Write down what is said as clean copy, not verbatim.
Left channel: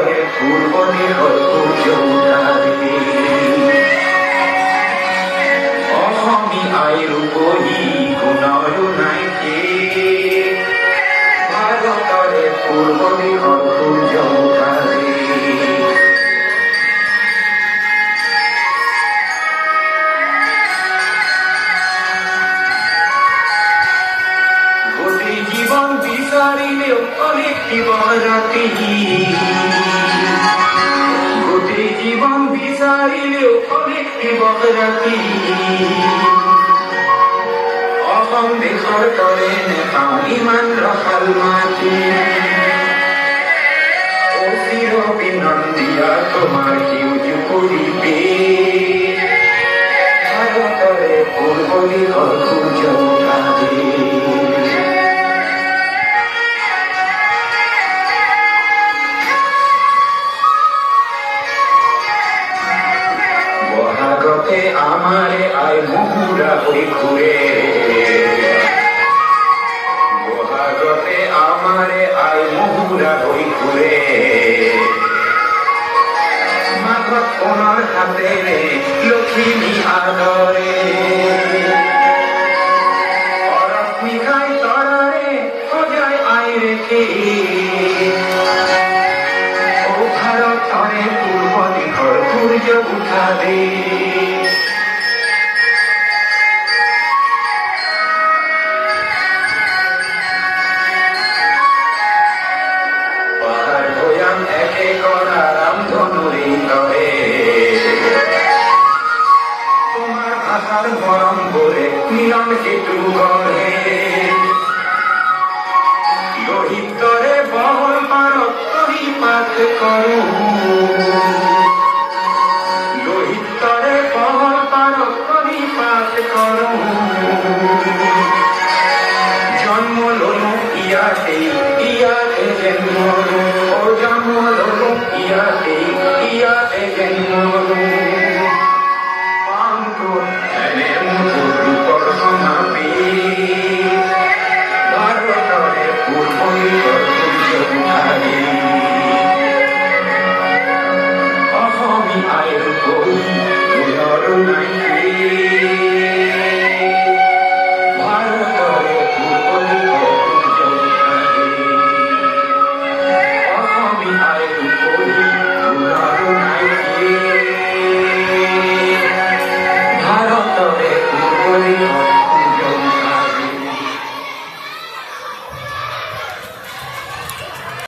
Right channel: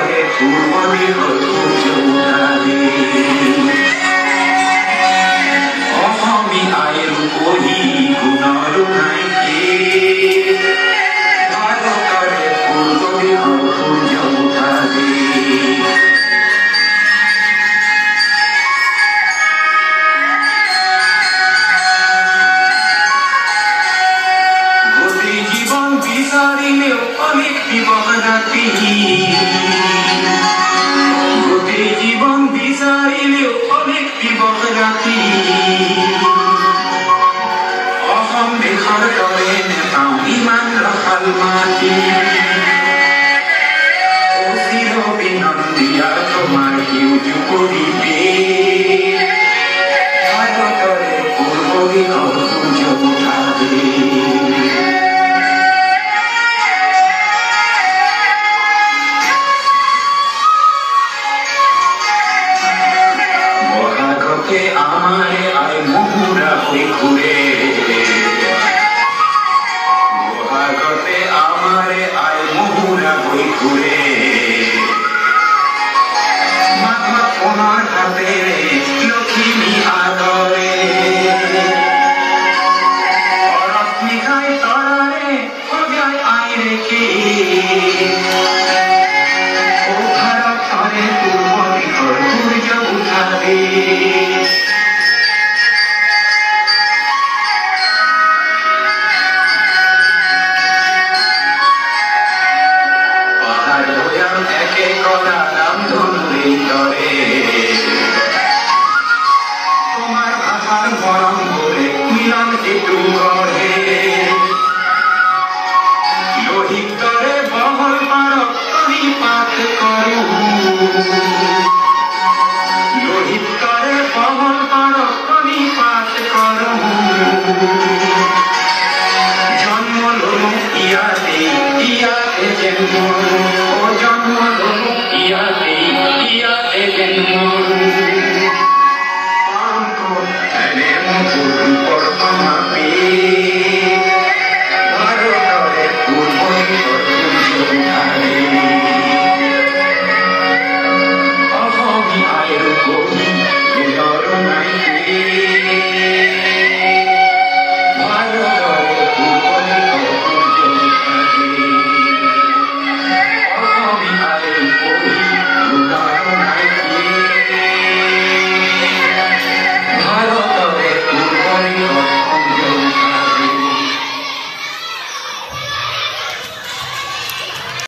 তরে পূর্ব দিগর সূর্য উঠাবে অহমি আয়ু কহি গুণর নাইকে ভাগতরে পূর্ব দিগর সূর্য উঠাবে জীবন বিচারিলেও অনেক জীবন রাতি গতি জীবন বিচারিলেও অনেক জীবন রাতি অসম দেশৰ তৰে নেপাওঁ ইমান ৰসাল মাটি অচিৰ বিনন্দিয়া তোমাৰ সেউজ পৰিবে ভাৰতৰে পূৰ্ব দিশৰ সূৰ্য উঠাবে বহাগতে আমাৰে আই মহুৰা হই ঘুৰে বহাগতে আমাৰে আই মহুৰা হই ঘুৰে মাঘত কোনৰ হাতেৰে লখিমী আদৰে অৰথ নিশাই তৰাৰে সজাই আই ৰেখে ও ভাৰতৰে পূৰ্ব দিশৰ সূৰ্য উঠাবে পাহাড় ভৈয়াম একে করা রামধনুরে ধরে তোমার ভাষার মরম বলে মিলন কেতু গড়ে লোহিত করে বহর পারক করি পাঠ করু লোহিত করে বহর পারক করি পাঠ করু জন্ম লনু ইয়াতে ইয়াতে জন্ম ও জন্ম লনু ইয়াতে ইয়াতে জন্ম